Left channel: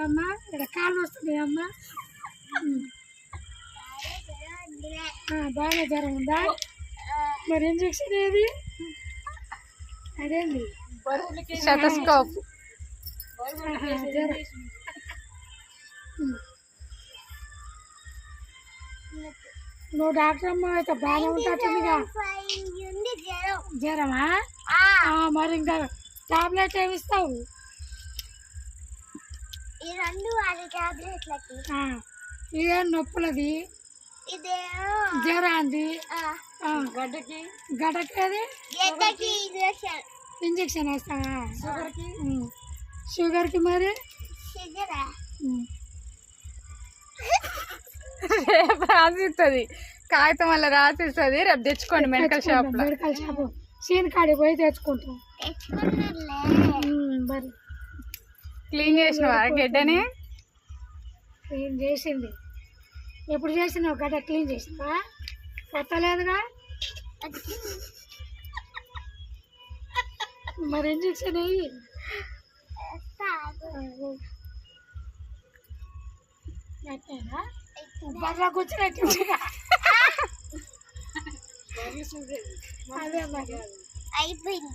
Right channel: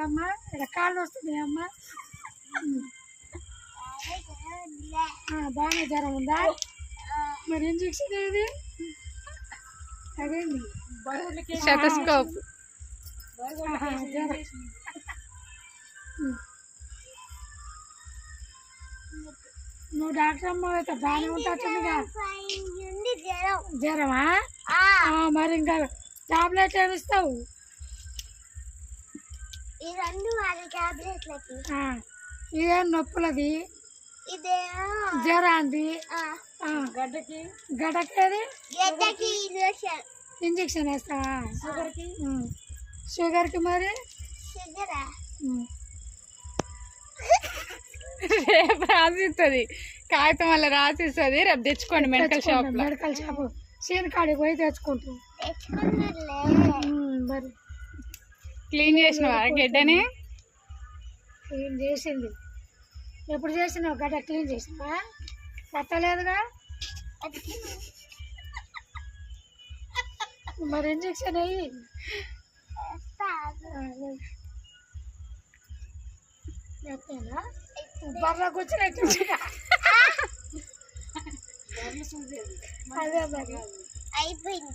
అమ్మా ఇక్కడ కాళ్ళు వస్తుంది అమ్మా బాగానే జ్వరం ఉందా? మరి ఇంజక్షన్ ఏది? అదేంది. నువ్వు డాక్టర్ అమ్మ అయితే బాగానే ఉంటుందిగా జ్వరమా? ఆ, మరి ఇంకా టాబ్లెట్ ఏమి ఇస్తావు? ఈ రెండు వారి టాబ్లెట్లకి. ఆ, ఇదేం నొప్పులది. జ్వరాంది గడ్డకి. గడకేది గడ్డకి ఇంజక్షన్. ఇంజక్షన్ వేస్తావా ఉమ్. షుగర్కి మరి? షుగరా. రేపు రాసిస్తుంది. కాగితం వల్ల రాసిస్తుంది. రేపు తెచ్చుకోండి మెడికల్ షాప్ మెడికల్ షాప్. సీన్ కాడికి పోయి తెచ్చుకుంటాం. మరి. క్లీన్ చేసినవా గడ్డని? క్లీన్ చేసింది. ఎప్పుడు చేసినావు గడ్డ క్లీన్ చేసినావా కొత్తలేదుగా? మరి ఇంజక్షన్ అయ్యి బర్రా కూర్చున్నట్టు అదే మరి. అయిపోయింది.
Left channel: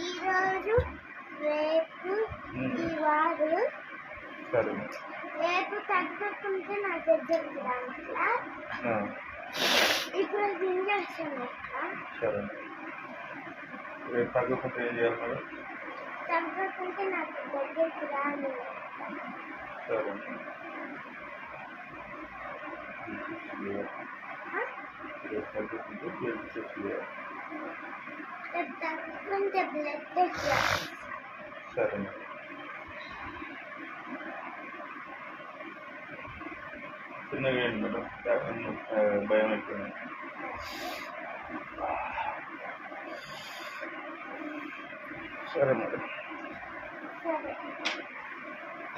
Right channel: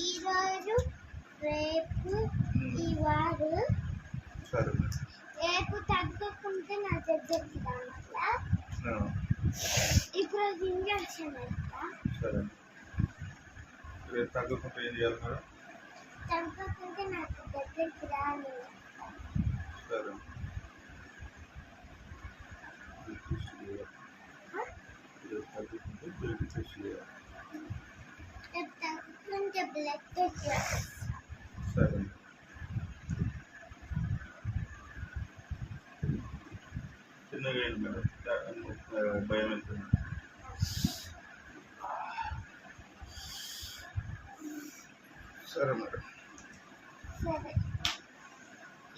ఈరోజు రేపు సరే. రేపు తగ్గకుంటే నా దగ్గరికి రావట్లా ఇప్పుడు ఇంజక్షన్ వేస్తా సరే. రేపు తగ్గకుంటే ఏం చేయాలి మేడం? తగ్గకుంటే నాకు దగ్గరికి రాను సరే. రేపు తగ్గకుంటే బ్లడ్ టెస్ట్ చేయాలి. రేపు తగ్గకుంటే బ్లడ్ టెస్ట్ సరే ఏంటి మేడం ఆ, భయం అయిపోయింది సరే మేడం సరే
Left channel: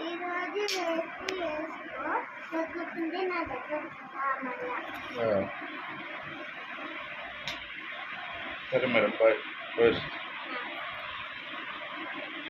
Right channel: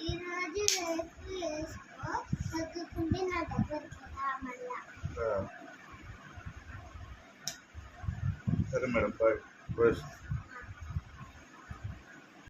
ఈరోజు రేపు వేసుకో తగ్గకుంటే నా దగ్గరికి రా మళ్ళా ఆ. సరే మేడం బాయ్ బాయ్